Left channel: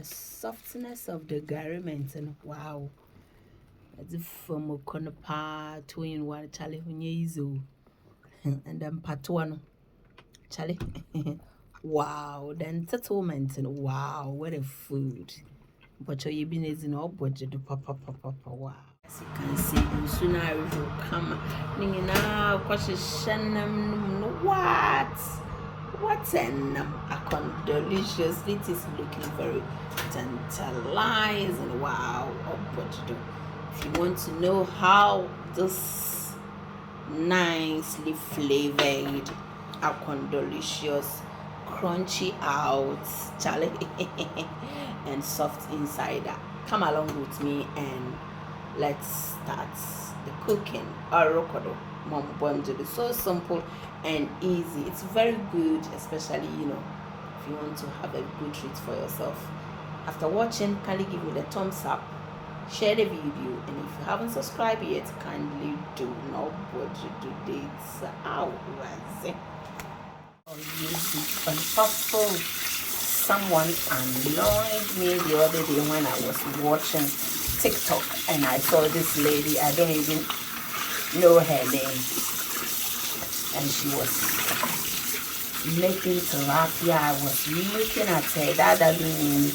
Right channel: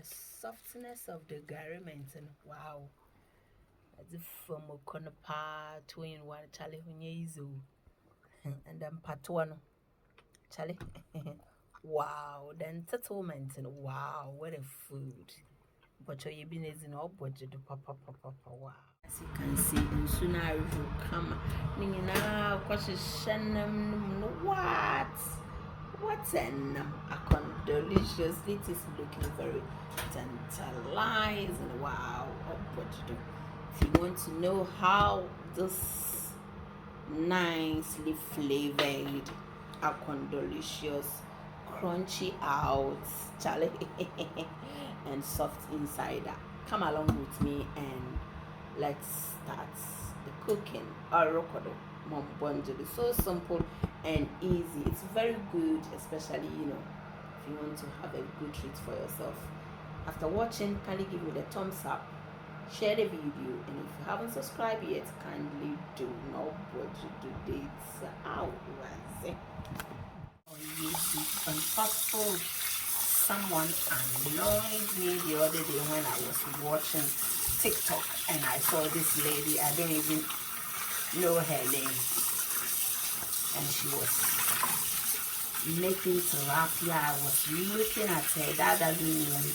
the softness of the garment and wow. As if from a corner 2 in 1 Charlie Hunyezo and then Patuano Charlie. Wow, then settlement and wow, what a food. But you been as in all budget papa wow. As you can see, you sooner will come. Nina, what an delicious. It is looking very tantalizing. Wow, oh budget. If you want to know how this nicely flavored delicious, crunchy out, Charlie, and soft inside, come along with me and let's start the cooking. Arokodo mom bonjo is so simple and easy. It's very good, especially if you want to have a good treat for yourself. After watching, kindly give me the thumbs up, share the video, and if you haven't subscribed yet, kindly do. Now what you do this out unfaithful. Someone annoyed me the other day when I was watching TikTok and I saw this lady. I don't even know her name, and she was making tilapia. I was looking at her. That doesn't mean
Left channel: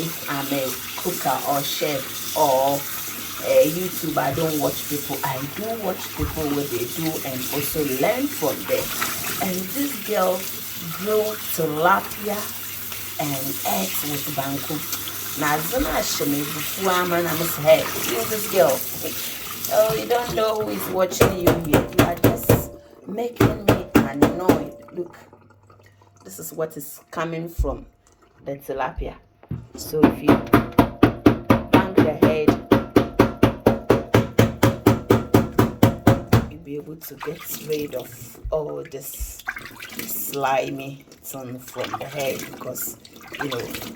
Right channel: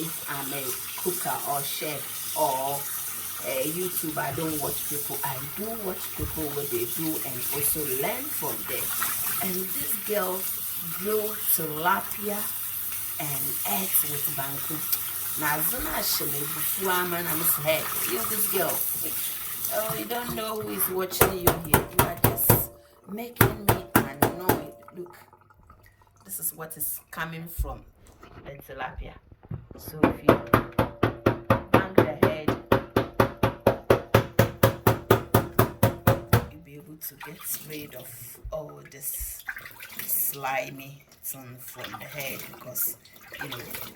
if I'm a cooker or chef or a YouTuber, I don't watch people. I do watch people what they do and also learn from them. And this girl grilled tilapia and eggs with banku. Now, Zana Shane, before I'm hey, who's this girl? Oh, you don't know who is watching you here. You are just making me annoyed. Look, this is what is coming from the tilapia. So if you bang your head, you'll be able to get rid of all this slimy thing from the head, because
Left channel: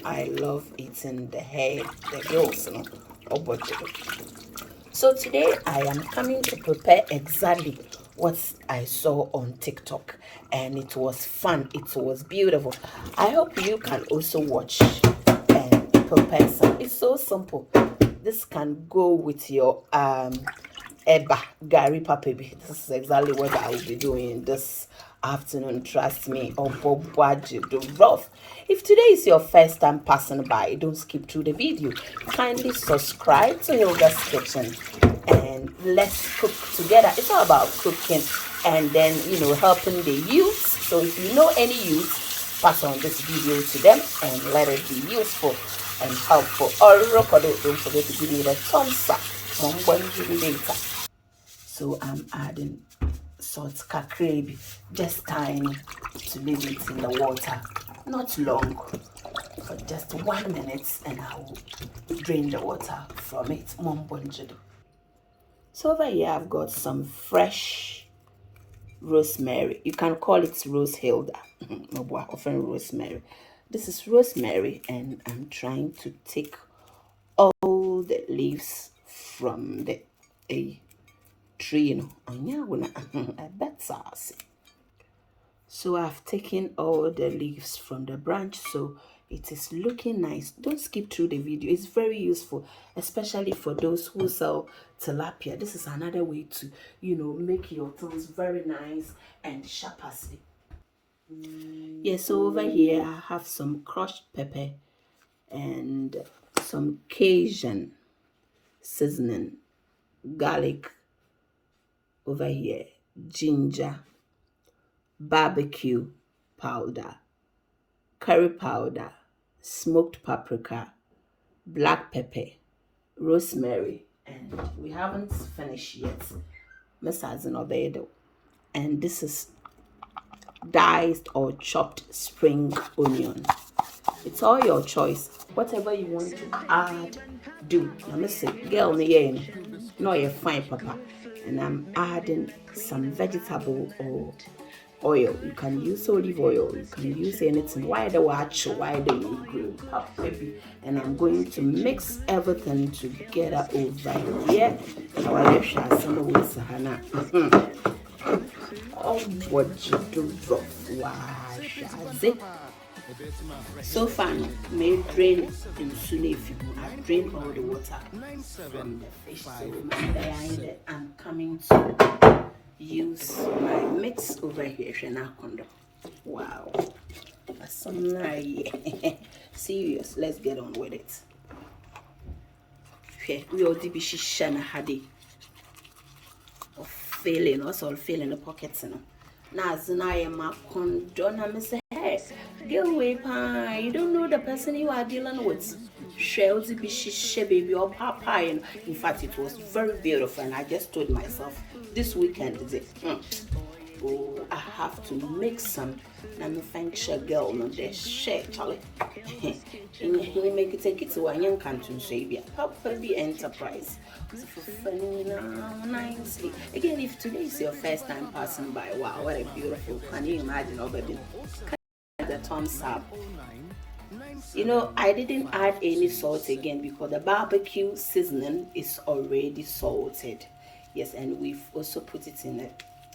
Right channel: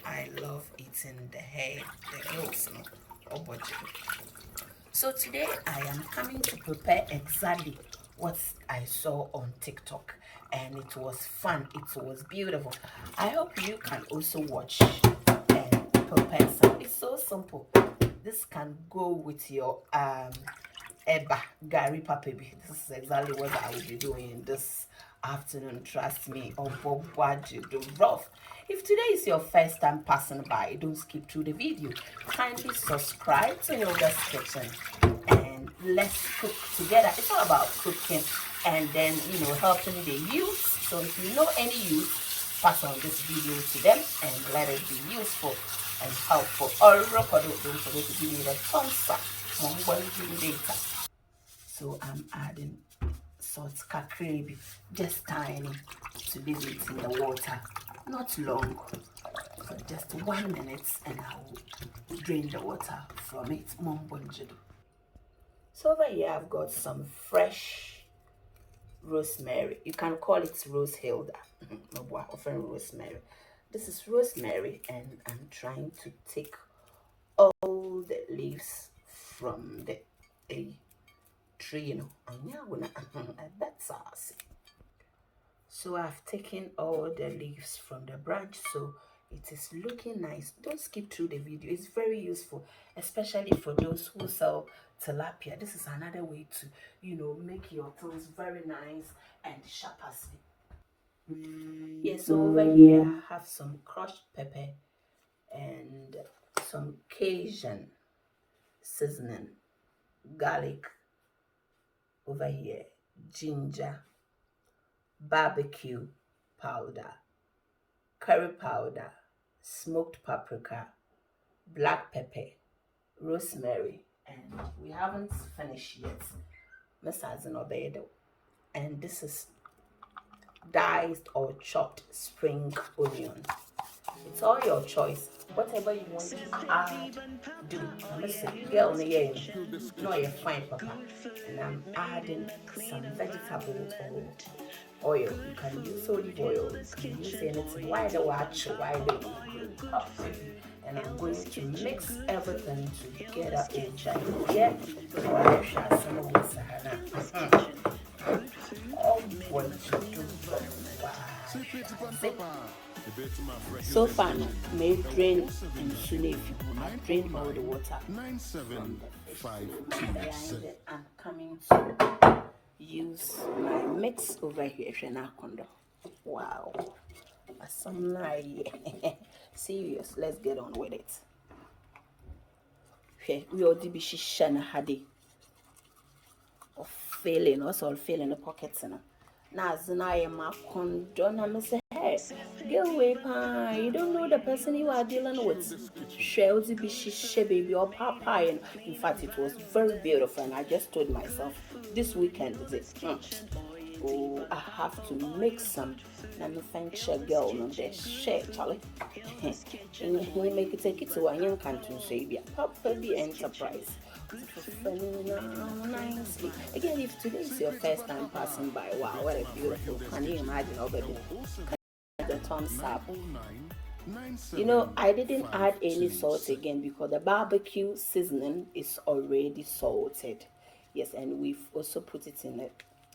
I love eating the head, the gills, So today I am coming to prepare exactly what I saw on TikTok, and it was fun, it was beautiful. I hope you can also watch and prepare some. It's so simple. This can go with your eba gari papebi. This is exactly what I will be doing this afternoon, trust me. Oh, do rough. If today is your first time passing by, don't skip through the video. Kindly subscribe to Hilda's Kitchen and let's cook together. It's all about cooking and then helping the youth. So if you know any youth, pass on this video to them and let it be useful and helpful. Don't forget to give me the thumbs up. So I'm adding salt kakrebi, just tiny, to leave it in the water, not long, but just 1 minute, and I will drain the water from it. So over here I've got some fresh rosemary. You can call it rose hilda, often rosemary. This is rosemary, and I'm trying to take all the leaves from the tree, so I've taken all the leaves from the branch, so it is looking nice. Don't skip through the video, it's very useful, especially for those who sell tilapia. This is another way to make your things very nice and sharp as it. So over here I have some crushed pepper and some Cajun seasoning, garlic over here, ginger, barbecue powder, curry powder, smoked paprika, black pepper, rosemary, and we haven't finished yet. And this is diced or chopped spring onion. It's all your choice. Whatever you want to add, do. Now listen, girl, no, you're fine, papa. And I'm adding some vegetable or oil. You can use olive oil. You can use anything. Why the watch? Why the you grow? And I'm going to mix everything together over here. Oh, what you do? Wow, so fun. May drain in soon if you drain all the water from the fish. So I'm coming to use my mix over here. Wow, that's some nice. Serious, let's get on with it. Okay, we all did be shana hadi of failing, what's all failing the pockets, you know. Now, I am a condon. I say, hey, get away, pie. You don't know the person you are dealing with. Shells, baby, or papa. In fact, it was very beautiful, and I just told myself this weekend is it. Oh, I have to make some. And thank you, girl, no, they share, Charlie. You make it take it to a young country, say, Papa be enterprise. Nicely. Again, if today is your first time passing by, wow, what a beautiful, can you imagine, oh baby, the thumbs up. You know, I didn't add any salt again because the barbecue seasoning is already salted. Yes, and we've also put it in a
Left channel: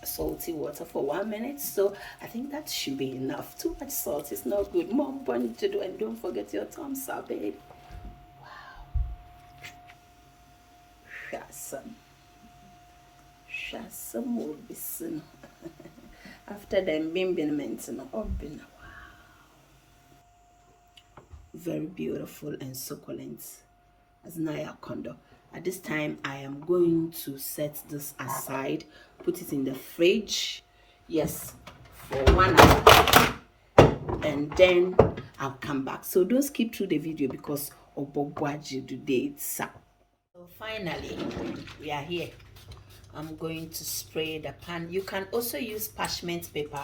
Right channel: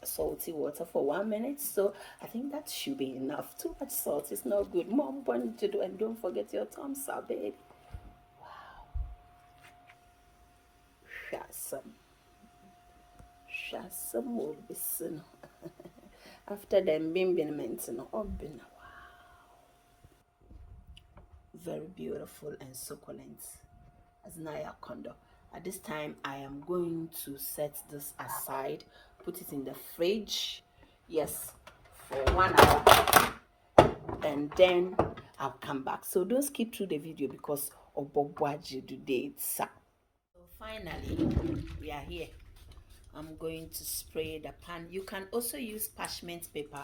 salty water for 1 minute, so I think that should be enough. Too much salt is not good. More important to do, and don't forget your thumbs up, baby. Shasam will be soon. After them being mentioned, very beautiful and succulent as Naya Kondo. At this time, I am going to set this aside, put it in the fridge, yes, for 1 hour, and then I'll come back. So don't skip through the video because Obogwaji today. So finally, we are here. I'm going to spray the pan. You can also use parchment paper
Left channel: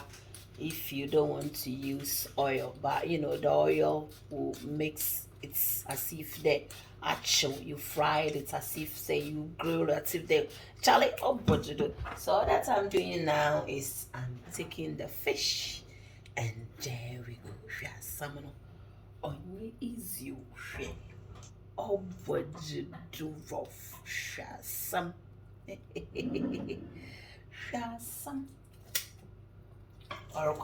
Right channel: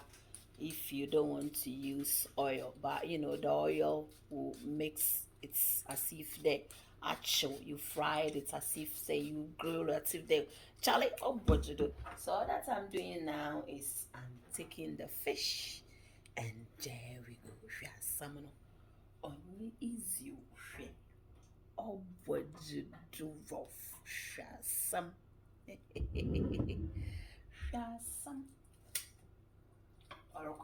if you don't want to use oil, but you know the oil will mix it as if the actual you fried it, as if say you grilled it, as if they Charlie so all that I'm doing now is I'm taking the fish, and there we go. Salmon on easy oh do rough some some or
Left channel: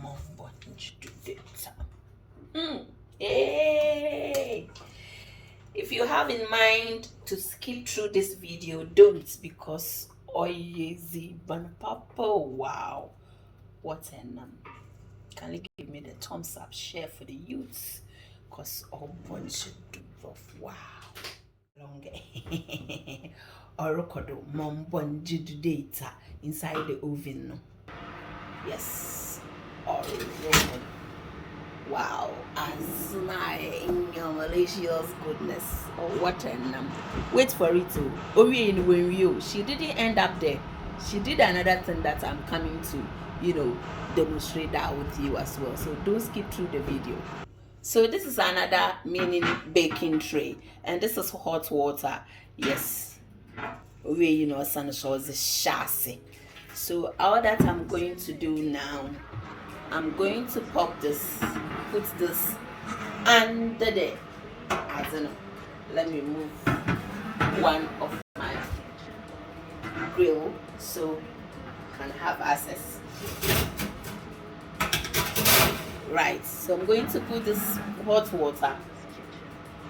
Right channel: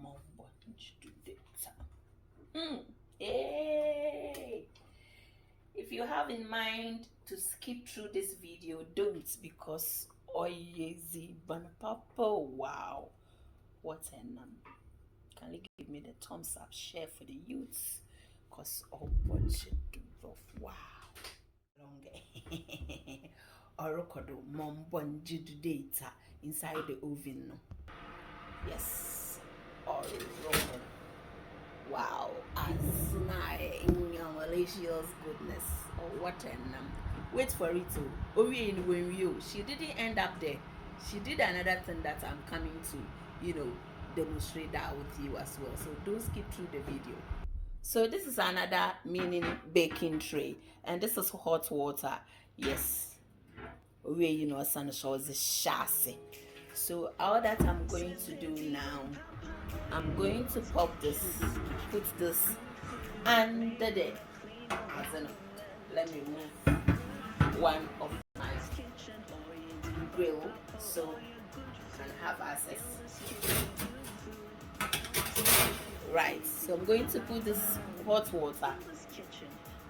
more bunch to it. Hey, if you have in mind to skip through this video, don't, because easy papa, wow, what an can you give me the thumbs up, share for the youths, because all bunch to rough, wow. Longer orokodo mombonji data inside the oven, no? Yes, orokodo. Wow, as my in your malicious goodness. Oh, what a wait for it to when you she didn't end up there. She did another thing that I'm coming to, you know, demonstrate that with you as well. So don't skip through the video. So this is another mini baking tray, and this is hot water. Yes, we you know sun shows the chassis. So all that I'm going to do now, I'm going to put this under the, I don't know. Let me move one of my grill so I can have access. Right, so I'm going to put this hot water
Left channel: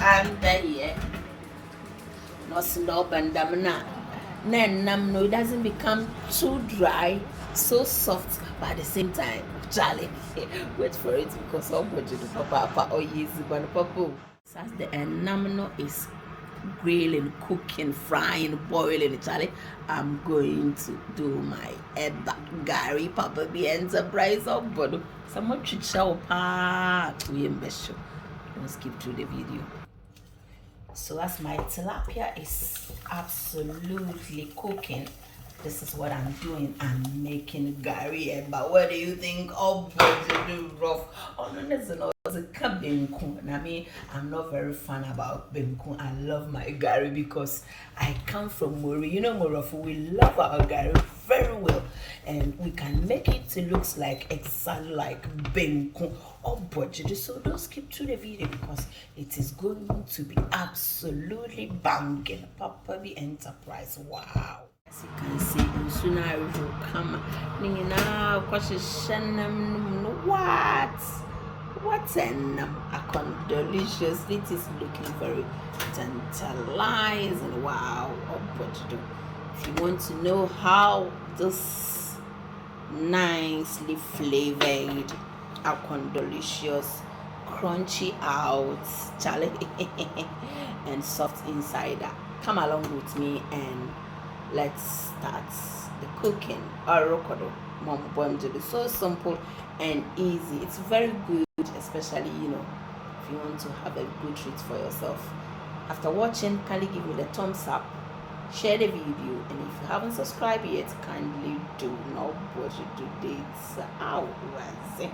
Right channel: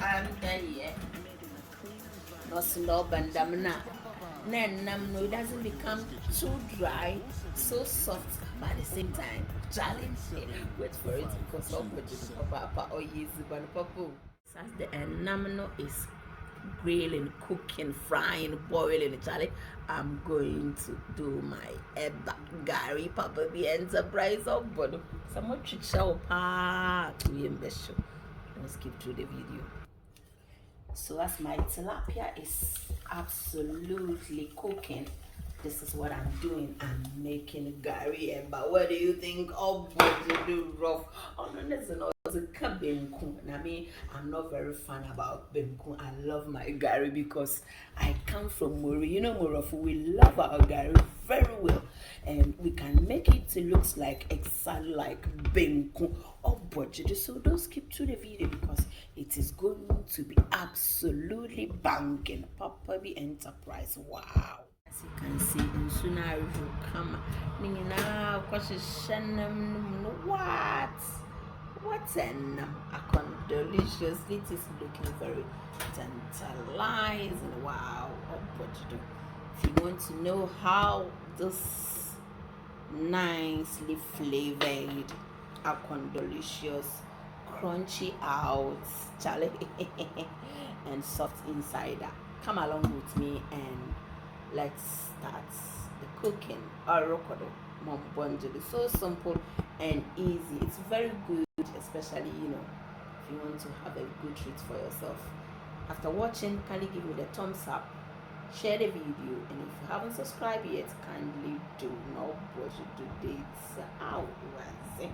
under here. No slob and damna. No, it doesn't become too dry, so soft, but at the same time, Charlie, wait for it because somebody do papa or easy but papa. As the enamel is grilling, cooking, frying, boiling, Charlie, I'm going to do my eba gari papa be enterprise of bodo. Someone should show we invest. Don't skip through the video. So as my tilapia is absolutely cooking, this is what I'm doing. I'm making gari. But what do you think? Oh, boy, do rough. Oh no, listen, it's a benku. I mean, I'm not very fun about benku. I love my gari because I come from Mori. You know, Morofu, we love our gari very well, and we can make it to looks like exactly like benku. Oh, budget. So don't skip through the video because it is going to be absolutely banging. Papa be enterprise. Wow. As you can see, soon I will come. What? What an delicious. It is looking very tantalizing. Wow. Oh, what to do. If you want to know how this nicely flavored delicious, crunchy out, Charlie, and soft inside, come along with me and let's start the cooking. Orokodo mom bundle is so simple and easy. It's very good, especially if you want to have a good treat for yourself. After watching, kindly give me the thumbs up, share the video, and if you haven't subscribed yet, kindly do. Now what you do this. How was it?